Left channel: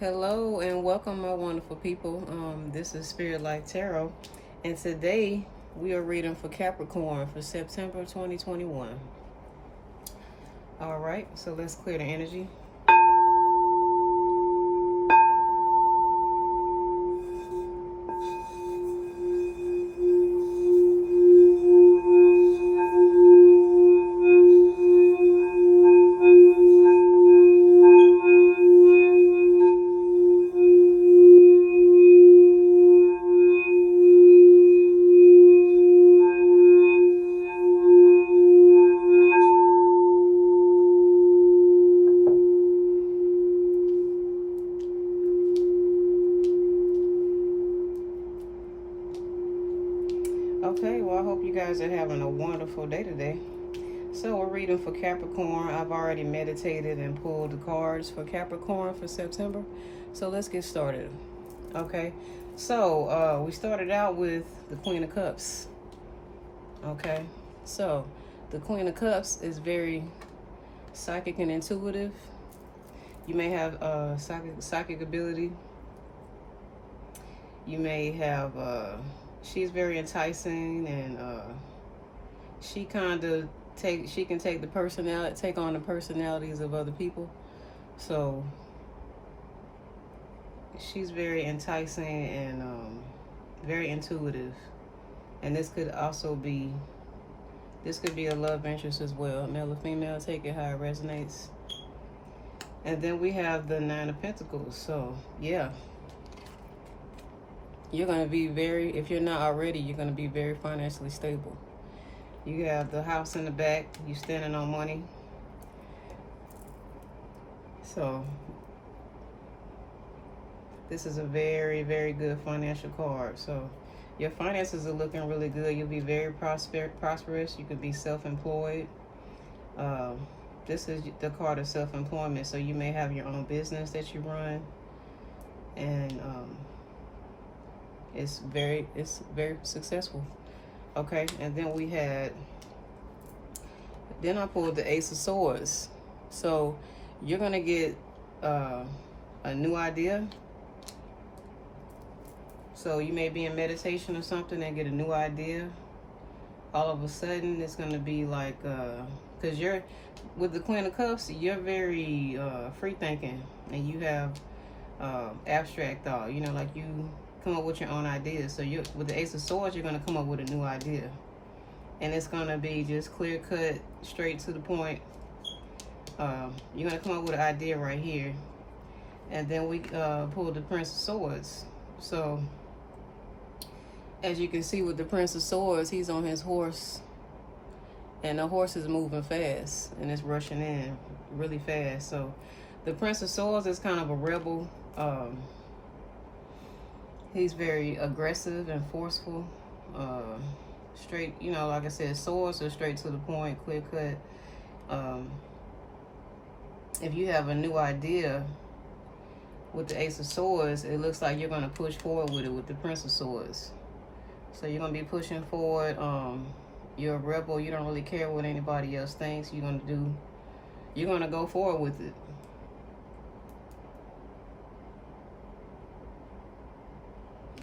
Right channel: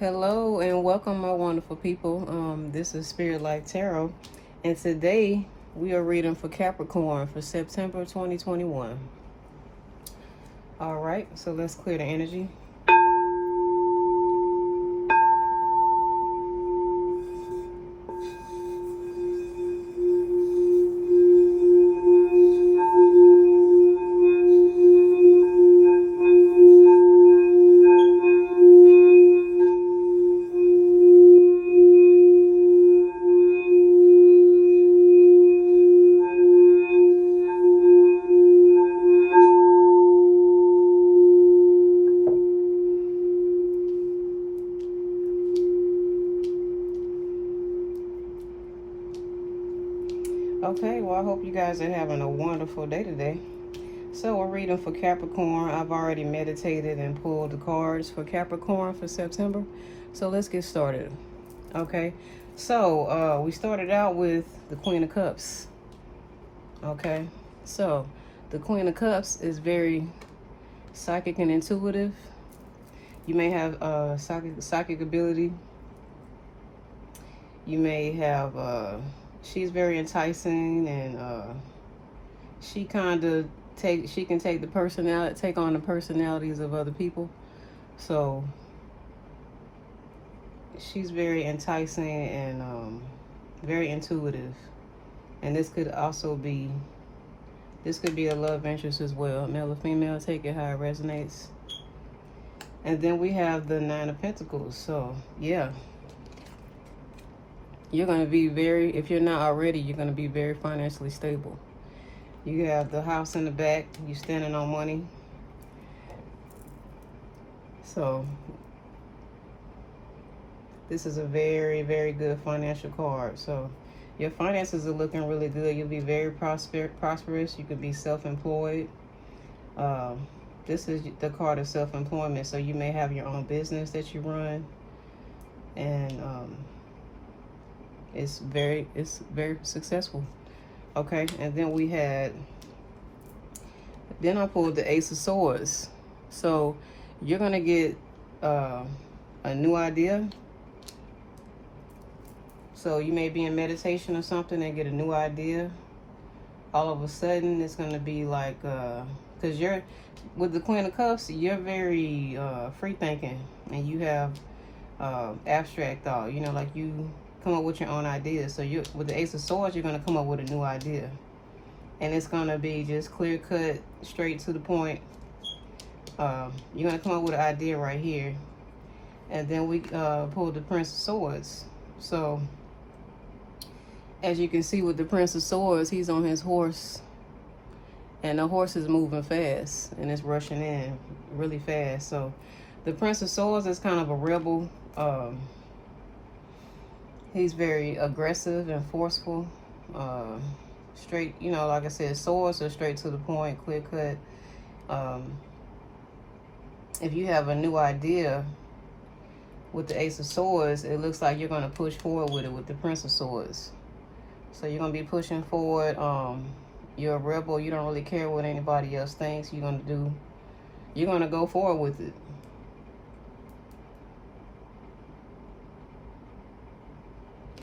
Hello and welcome, my wonderful people. This is Spirit Life Tarot, and today we are reading for Capricorn for September 2021. All right, so let's clear the energy. Okay, well, I hope you guys are having a wonderful day today. So we're reading for Capricorn. I've already meditated and pulled the cards for Capricorn for September. So let's get started. Okay, so we started out with the Queen of Cups. Okay, so the Queen of Cups is very psychic and intuitive. You may have psychic ability. You may have she's very enticing, and she kind of take on the personalities of other people. So she's very enticing and very intuitive, and this could be a love interest as well, male or female. Take it how it resonates. And then we have the Nine of Pentacles. So yeah, you're going to be if you're not already, you're going to be very financially stable. You have the house in the back. You're standing on money. So this is a very, very good financial card. So your finances are looking really good. You'll be very prosperous. You could be self-employed. This is the card of self-employment. So you may have your own business that you run. And it's very successful. Okay, and then I pulled the Ace of Swords. So you're gonna get a new idea. So you may be in meditation or something and get a new idea. All of a sudden, it's gonna be like, because you're with the Queen of Cups, you're very free thinking, and you have abstract thought. You know, like you come up with your own ideas. So with the Ace of Swords, you're gonna come up with a new idea, and it's gonna be just clear cut, straight to the point. You're gonna come up with an idea right here, and then we pulled the Prince of Swords. So as you can see with the Prince of Swords, he's on his horse, and the horse is moving fast, and it's rushing in really fast. So the Prince of Swords is kind of a rebel. He's very aggressive and forceful. Straight, you know, like I said, swords are straight to the point, clear cut. If you have a new idea with the Ace of Swords, it looks like you're going to push forward with it with the Prince of Swords. So you're going to be pushing forward. You're a rebel. You don't really care what anybody else thinks. You're going to go forward with it.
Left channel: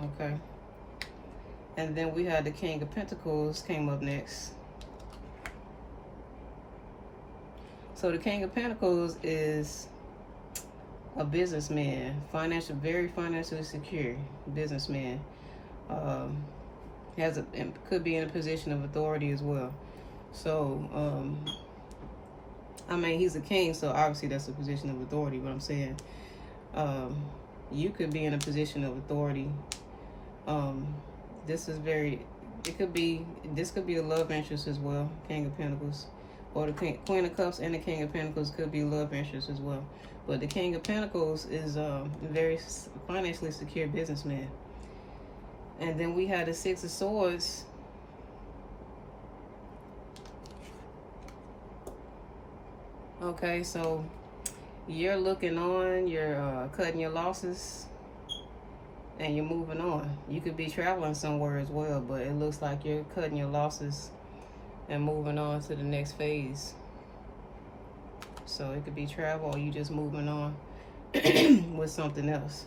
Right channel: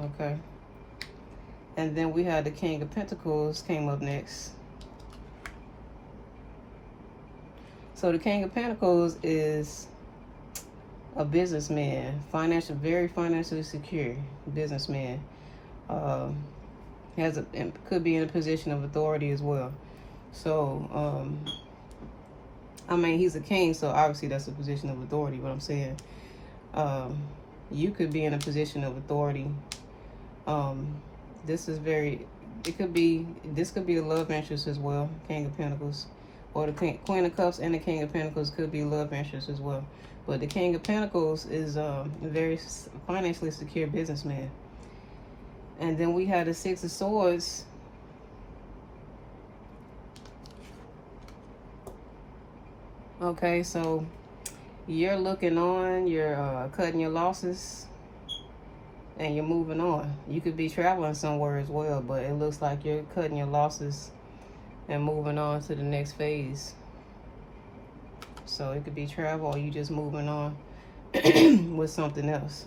Okay. And then we had the King of Pentacles came up next. So the King of Pentacles is a businessman, very financially secure businessman. Could be in a position of authority as well. So I mean, he's a king, so obviously that's a position of authority. What I'm saying, you could be in a position of authority. This could be a love interest as well, King of Pentacles, or the Queen of Cups and the King of Pentacles could be love interest as well. But the King of Pentacles is a very financially secure businessman. And then we had the Six of Swords. Okay, so you're looking on, you're cutting your losses, and you're moving on. You could be traveling somewhere as well, but it looks like you're cutting your losses and moving on to the next phase. So it could be travel, or you just moving on. with something else.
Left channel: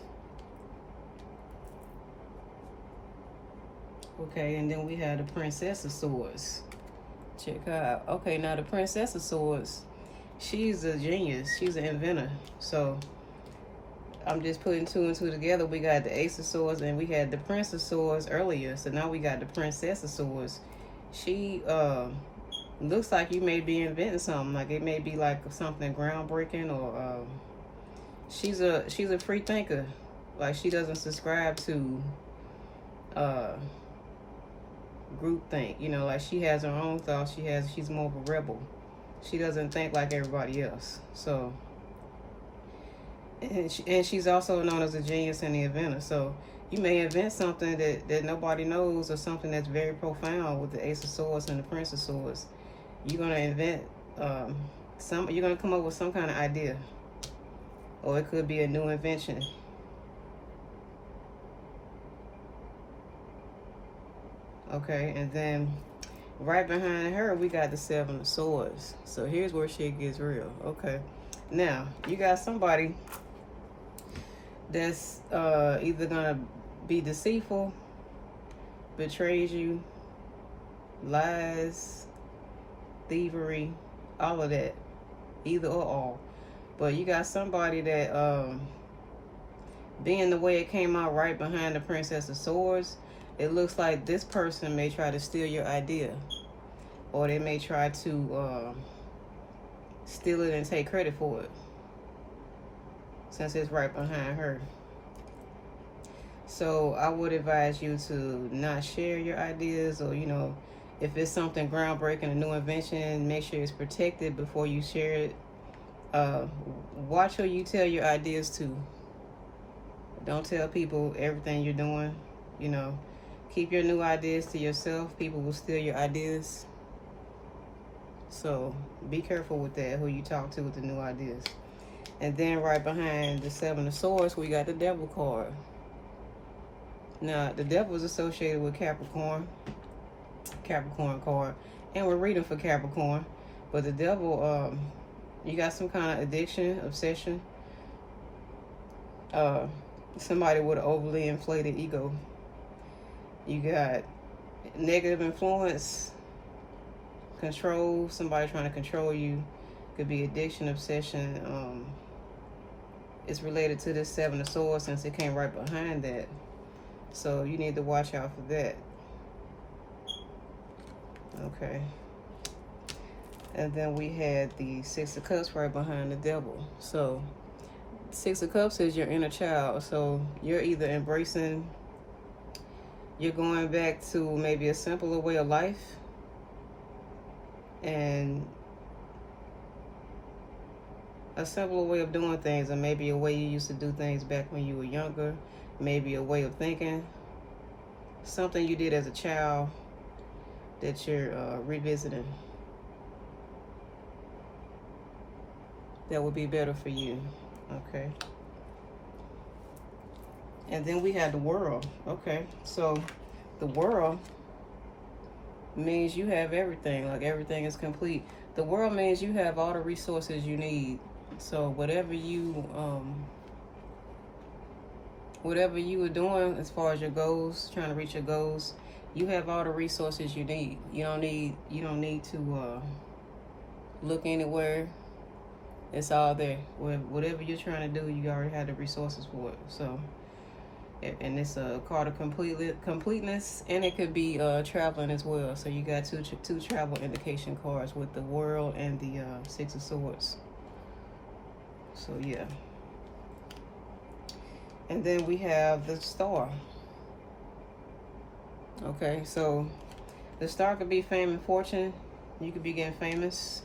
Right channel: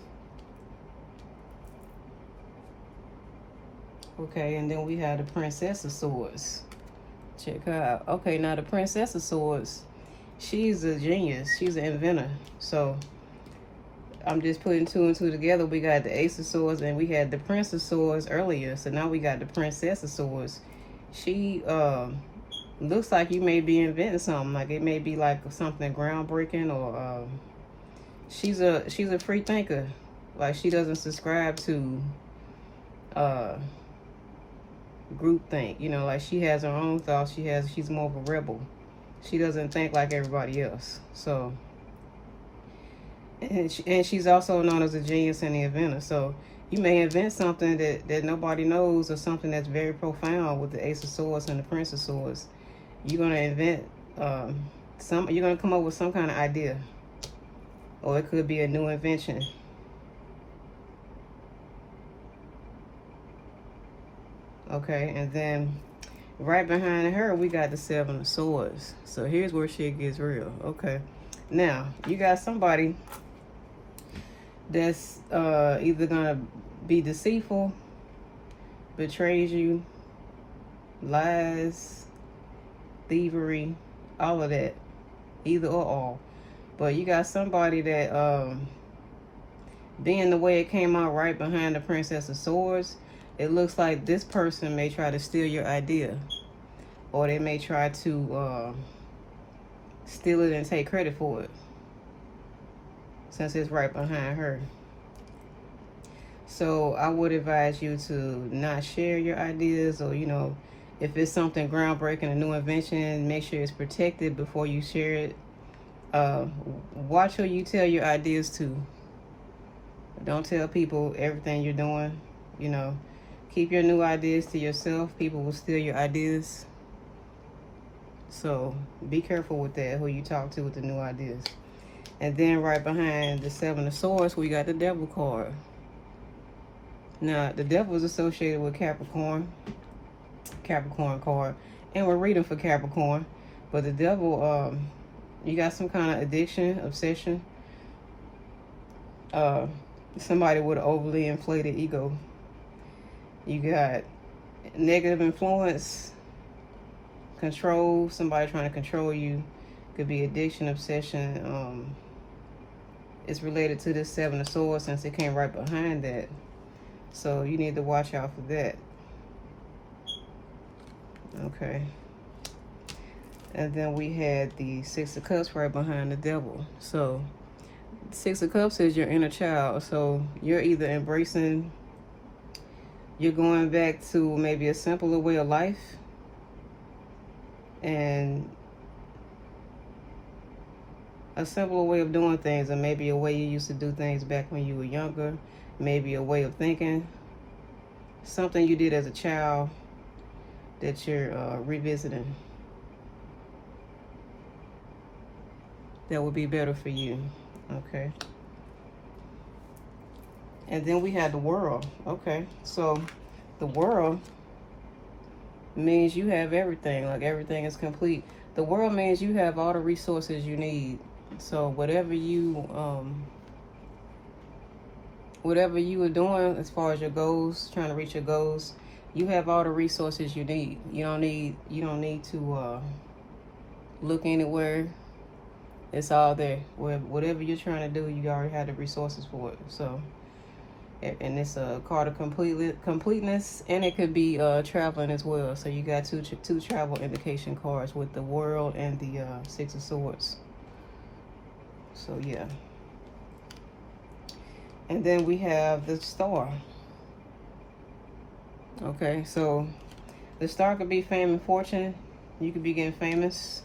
Okay, and then we have the Princess of Swords. Check her out. Okay, now the Princess of Swords, she's a genius. She's an inventor. So I'm just putting two and two together. We got the Ace of Swords and we had the Prince of Swords earlier. So now we got the Princess of Swords. She looks like you may be inventing something. Like it may be like something groundbreaking, or she's a free thinker. Like she doesn't subscribe to groupthink. You know, like she has her own thoughts. She's more of a rebel. She doesn't think like everybody else. So, and she's also known as a genius and the inventor. So you may invent something that nobody knows, or something that's very profound with the Ace of Swords and the Prince of Swords. You're gonna invent you're gonna come up with some kind of idea, or it could be a new invention. Okay, and then right behind her, we got the Seven of Swords. So here's where shit gets real. Okay, now you got somebody that's either gonna be deceitful, betrays you, lies, thievery, all of that, either or all. But you got somebody that, being the way it came out right behind the Princess of Swords, it looks like this person may try to steal your idea, or they may try to steal it and take credit for it, since it's right behind her. So I would advise you to not share your ideas, or, you know, if it's something groundbreaking, a new invention, make sure it's protected before you share it. Watch who you tell your ideas to. Don't tell people everything you're doing. You know, keep your new ideas to yourself. People will steal your ideas. So be careful with that, who you talk to with the new ideas. And then right behind the Seven of Swords, we got the Devil card. Now, the Devil is associated with Capricorn card. And we're reading for Capricorn. But the Devil, you got some kind of addiction, obsession. Somebody with an overly inflated ego. You got negative influence, control, somebody trying to control you. Could be addiction, obsession. It's related to this Seven of Swords, since it came right behind that. So you need to watch out for that. Okay. And then we had the Six of Cups right behind the Devil. So Six of Cups is your inner child. So you're either embracing, you're going back to maybe a simpler way of life, and a simpler way of doing things, or maybe a way you used to do things back when you were younger, maybe a way of thinking, something you did as a child that you're revisiting. That would be better for you. Okay. And then we have the World. Okay, so the World means you have everything, like everything is complete. The World means you have all the resources you need. So whatever you are doing as far as your goals, trying to reach your goals, you have all the resources you need. You don't need to look anywhere. It's all there. Whatever you're trying to do, you already have the resources for it. So, and it's a card of completeness, and it could be traveling as well. So you got two travel indication cards with the World and the Six of Swords. So yeah. And then we have the Star. Okay, so the Star could be fame and fortune. You could be getting famous.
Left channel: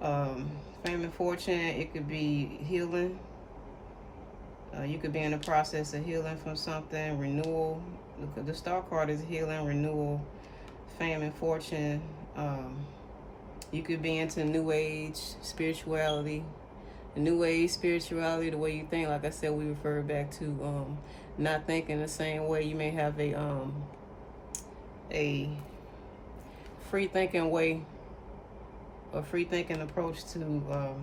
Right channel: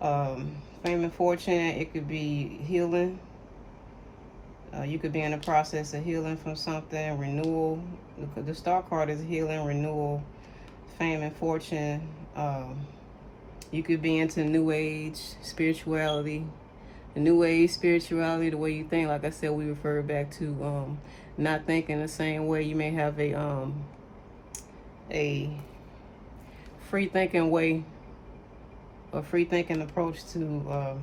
Fame and fortune, it could be healing. You could be in the process of healing from something, renewal. The Star card is healing, renewal, fame and fortune. You could be into New Age, spirituality. New Age spirituality, the way you think. Like I said, we refer back to not thinking the same way. You may have a free thinking way, a free thinking approach to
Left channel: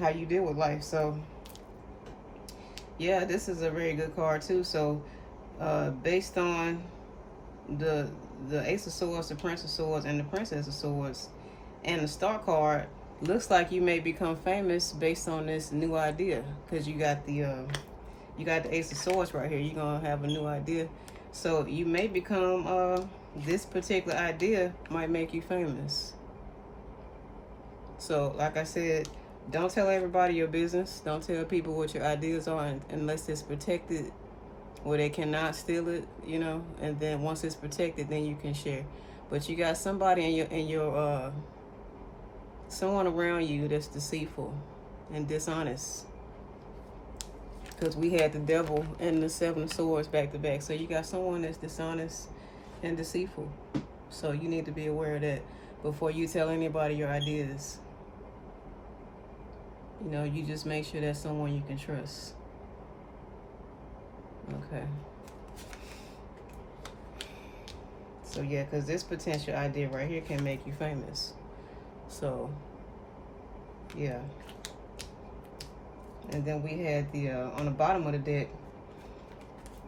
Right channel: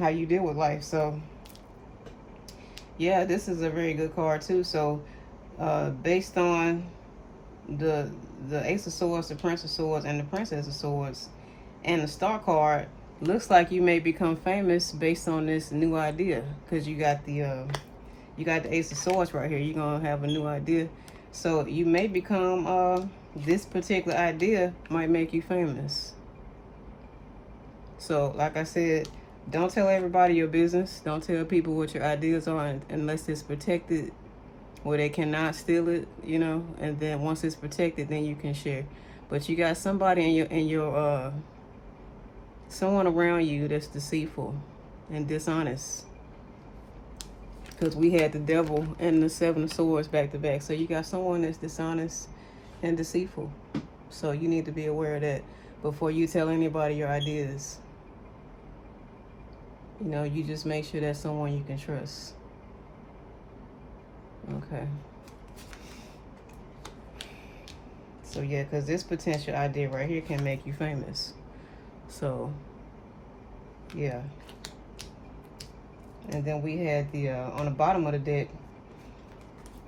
how you deal with life. So yeah, this is a very good card too. So based on the Ace of Swords, the Prince of Swords, and the Princess of Swords, and the Star card, looks like you may become famous based on this new idea, because you got the Ace of Swords right here. You're gonna have a new idea, so you may become this particular idea might make you famous. So like I said, don't tell everybody your business. Don't tell people what your ideas are unless it's protected, where they cannot steal it, you know. And then once it's protected, then you can share. But you got somebody in your someone around you that's deceitful and dishonest, because we had the Devil and the Seven of Swords back to back. So you got someone that's dishonest and deceitful, so you need to be aware of that before you tell anybody your ideas. You know, you just make sure that's someone you can trust. Okay. So yeah, because this potential idea right here can make you famous. So yeah. And then we had the on the bottom of the deck,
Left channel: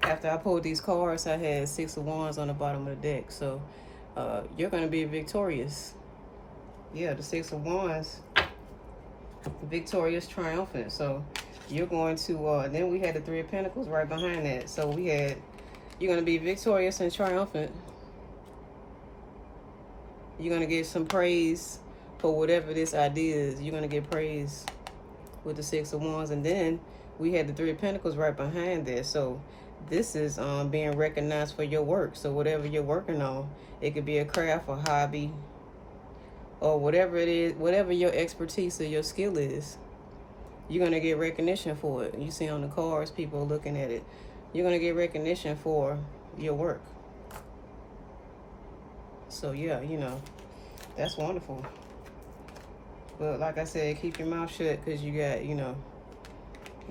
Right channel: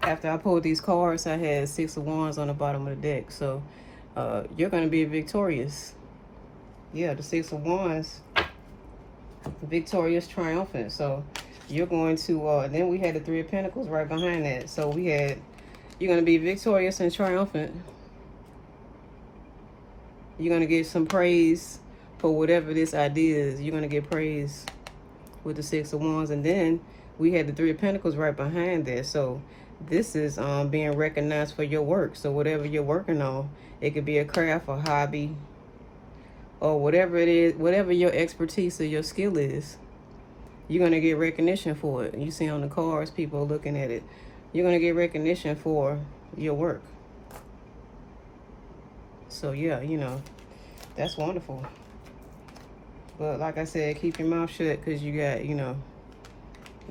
after I pulled these cards, I had Six of Wands on the bottom of the deck. So you're going to be victorious. Yeah, the Six of Wands, victorious, triumphant. So you're going to then we had the Three of Pentacles right behind that. So we had, you're going to be victorious and triumphant. You're going to get some praise for whatever this idea is. You're going to get praise with the Six of Wands. And then we had the Three of Pentacles right behind that. So this is being recognized for your work. So whatever you're working on, it could be a craft, a hobby, or whatever it is, whatever your expertise or your skill is, you're going to get recognition for it. You see on the cards, people are looking at it. You're going to get recognition for your work. So yeah, you know, that's wonderful. But like I said, keep your mouth shut, because you got, you know,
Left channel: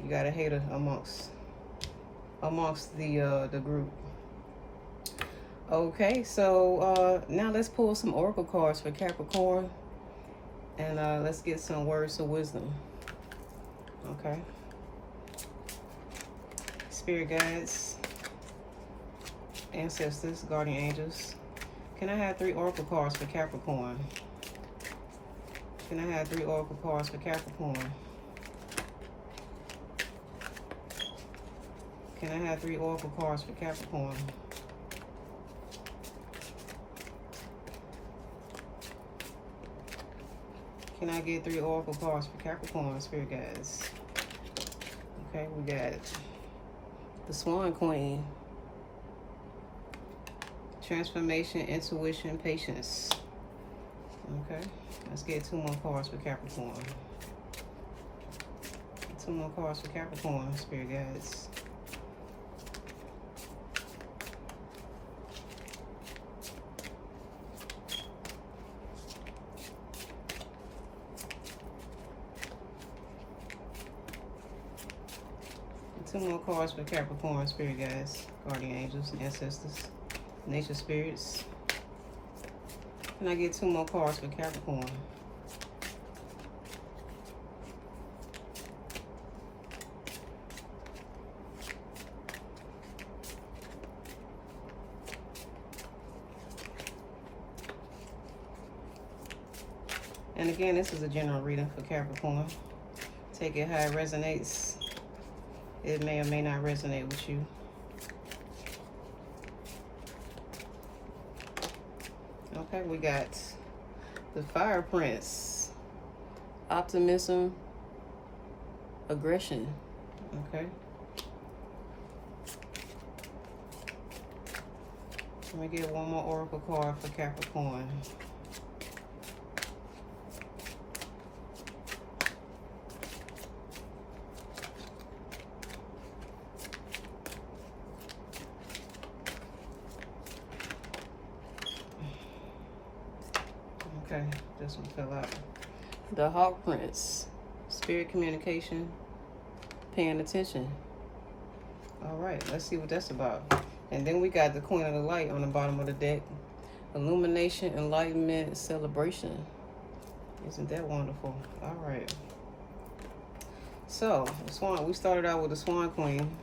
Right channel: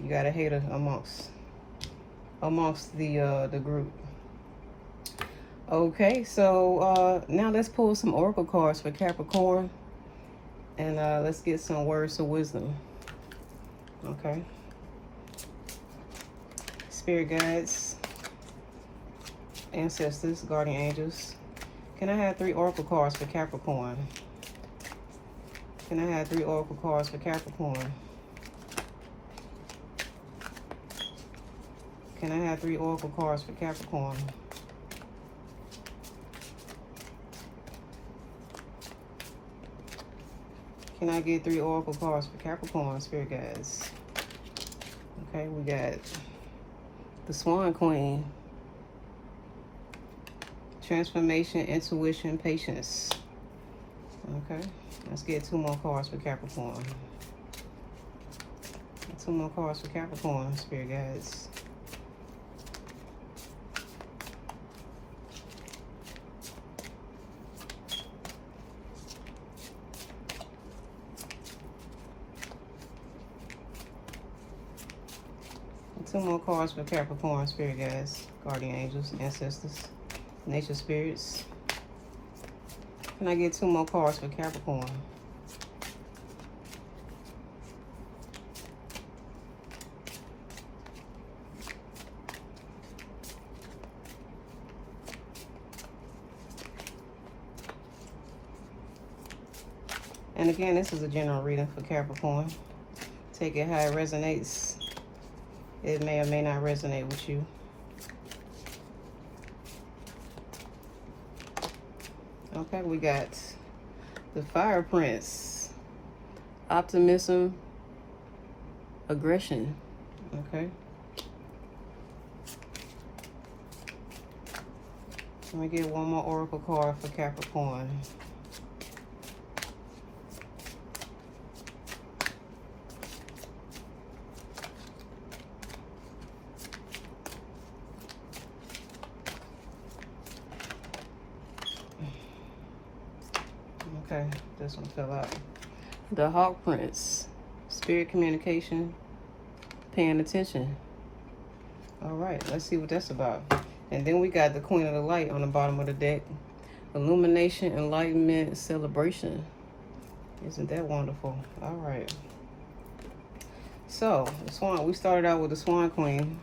you got a hater amongst the group. Okay, so now let's pull some oracle cards for Capricorn, and let's get some words of wisdom. Okay. Spirit guides, ancestors, guardian angels. Can I have 3 oracle cards for Capricorn? Can I have 3 oracle cards for Capricorn? Can I have 3 oracle cards for Capricorn? Can I get 3 oracle cards for Capricorn, spirit guides? Okay, we got the Swan Queen. Transformation, intuition, patience. Okay, let's get 2 more cards for Capricorn. 2 more cards for Capricorn, spirit guides. And 2 more cards for Capricorn, spirit guides, guardian angels, ancestors, nature spirits. Can I get 2 more cards for Capricorn? And again, this is a general reading for Capricorn. Take it how it resonates. It may or may not resonate with you. Okay, we got the Fire Prince. Optimism, aggression. Okay. Let me get 1 more oracle card for Capricorn. Okay, this one fell out. The Hawk Prince. Spirit communication, paying attention. All right, let's see what that's about. And then we got the Queen of the Light on the bottom of the deck. Illumination, enlightenment, celebration. Isn't that wonderful? All right. So, the Swan, we started out with the Swan Queen.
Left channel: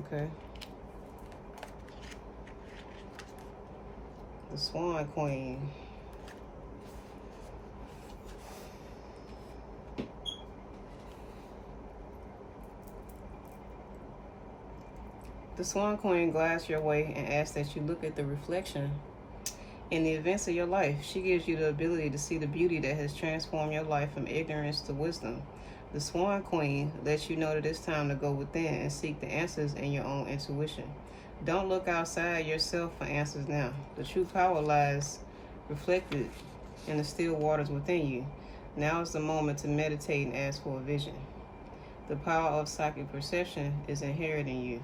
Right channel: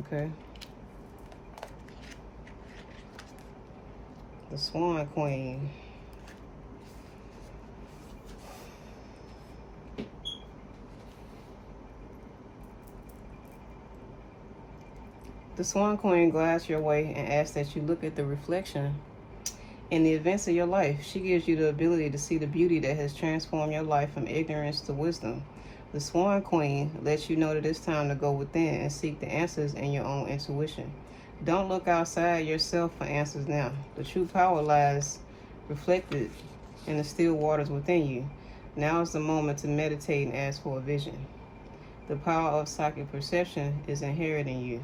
Okay. The Swan Queen. The Swan Queen glides your way and asks that you look at the reflection in the events of your life. She gives you the ability to see the beauty that has transformed your life from ignorance to wisdom. The Swan Queen lets you know that it's time to go within and seek the answers in your own intuition. Don't look outside yourself for answers now. The true power lies reflected in the still waters within you. Now is the moment to meditate and ask for a vision. The power of psychic perception is inherent in you.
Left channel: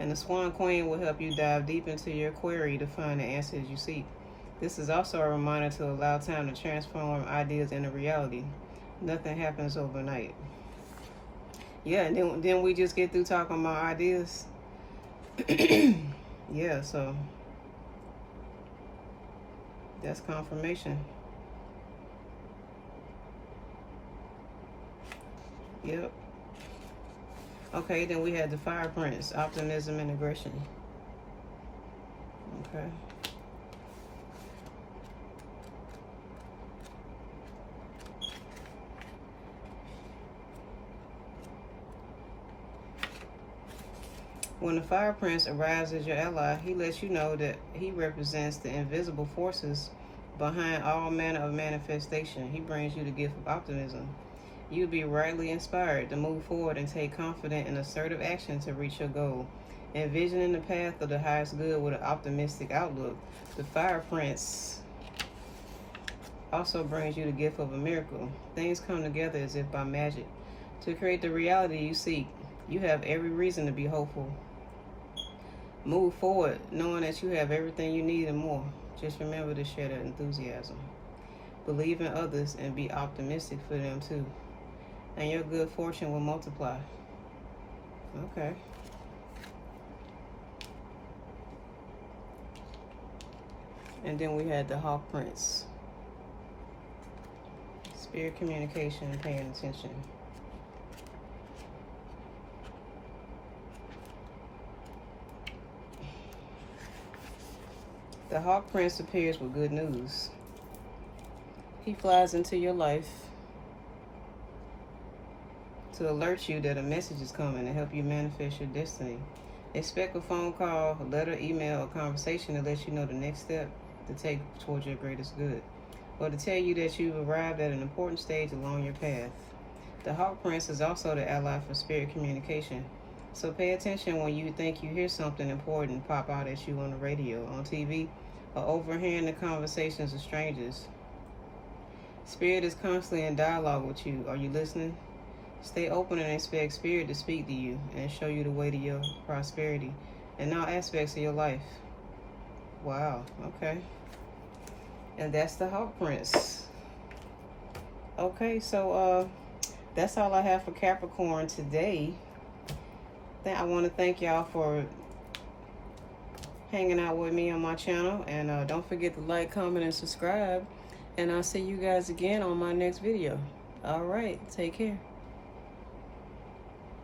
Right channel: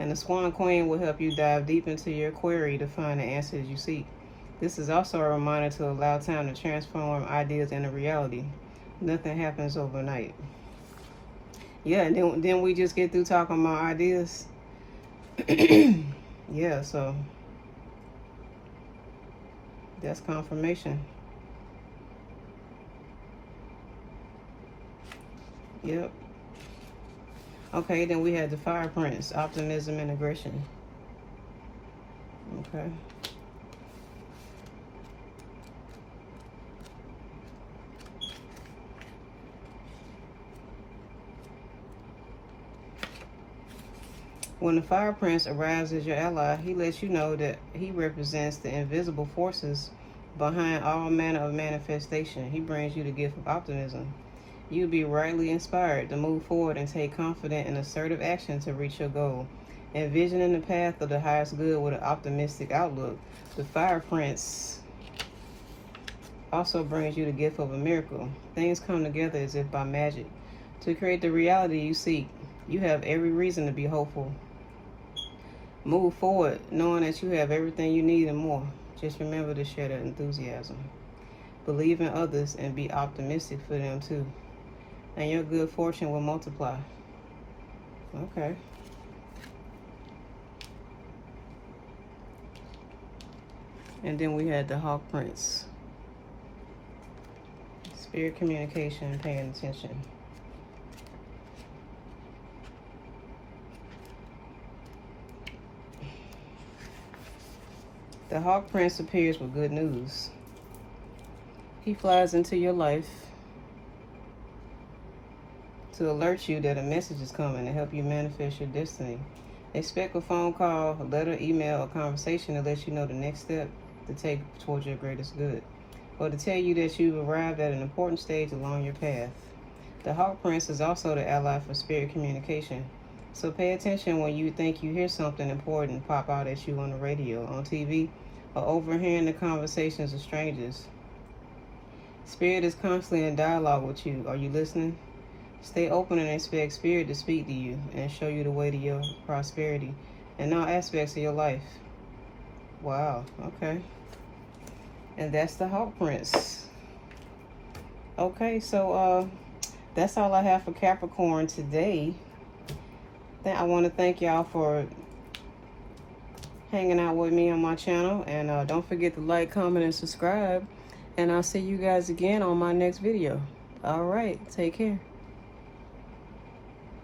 And the Swan Queen will help you dive deep into your query to find the answers you seek. This is also a reminder to allow time to transform ideas into reality. Nothing happens overnight. Yeah, and then we just get through talking about ideas. Yeah, so that's confirmation. Yep. Okay, then we had the Fire Prince, optimism and aggression. Okay. When the Fire Prince arrives as your ally, he lets you know that he represents the invisible forces behind all manner of manifestation. He brings you the gift of optimism. You'll be rightly inspired to move forward and take confident and assertive action to reach your goal. Envisioning the path of the highest good with an optimistic outlook. The Fire Prince also brings you the gift of a miracle. Things come together as if by magic to create the reality you seek. You have every reason to be hopeful. Move forward knowing that you have everything you need and more. Just remember to share that enthusiasm. Believe in others and be optimistic for them too. And your good fortune will multiply. Okay. And then we had the Hawk Prince. Spirit communication, paying attention. The Hawk Prince appears with good news. He flies into your life to alert you that a message is coming to help you manifest your destiny. Expect a phone call, a letter, email, or conversation to let you know the next step to take towards your greatest good, or to tell you that you've arrived at an important stage along your path. The Hawk Prince is also the ally for spirit communication, so pay attention when you think you hear something important pop out at you on the radio, on TV, or overhearing the conversations of strangers. Spirit is constantly in dialogue with you. Are you listening? Stay open and expect Spirit to speak to you and show you the way to your prosperity in all aspects of your life. Wow, okay. And that's the Hawk Prince. Okay, so that's all I have for Capricorn today. I want to thank y'all for hanging out with me on my channel. And don't forget to like, comment, and subscribe. And I'll see you guys again on my next video. All right, take care.